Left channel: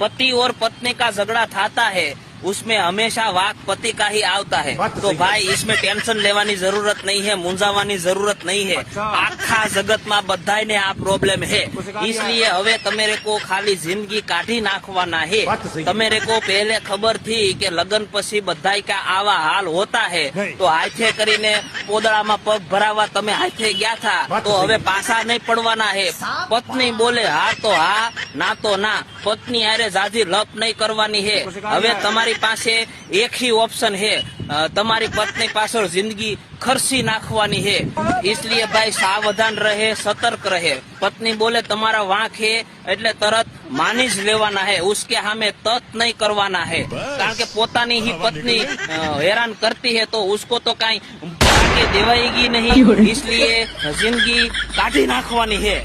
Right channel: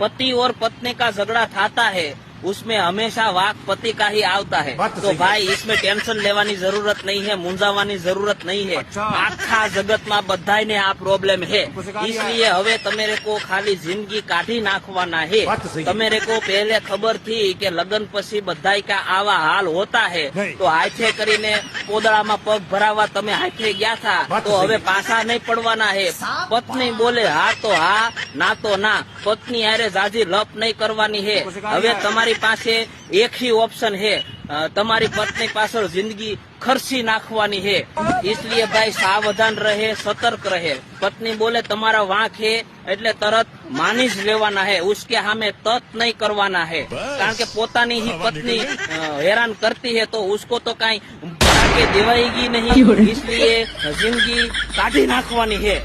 पति और पत्नी का झगड़ा थाता है उसमें हमेशा वाक पति का ही आता है। तो भाई इसमें टेंशन लेवानी जरूरत नहीं है, मूंझावानी जरूरत नहीं है। आखा जगत में बधाई ने आ प्रॉब्लम है, इसलिए हवे तमेरे को खाली जिंदगी काढ़ी नाखवाना है। तमेरे को पहले खबर थी कि लगन पछी बधाई का आवा हाल होता है, तो हाथे करीने पोदड़ा में पग भरावा तमे हाथे गया था, तो हवे पासा नहीं पड़वाना है। पत्नी बोले हाँ तो हाँ, ना तो ना। पत्नी हारे जाजी लप नहीं करवानी है। हवे તમારી પાસે એક ही ऑप्शन है, તમારી पत्नी पाछળ जिंदगी खर्ची नाखवानी है। इसलिए भाई सावधान रहे, सतर्क रहे। पत्नी बोले તમારા વાંક है એટલે તરત માની જ લેવાના है, उसके સામે તત नहीं करवाना है। કારણ કે પોતાની ही पत्नी हैरान करती है तो उसको तो कहीं देवाएगी नहीं, इसलिए जिंदगी काढ़ी नाखवानी है।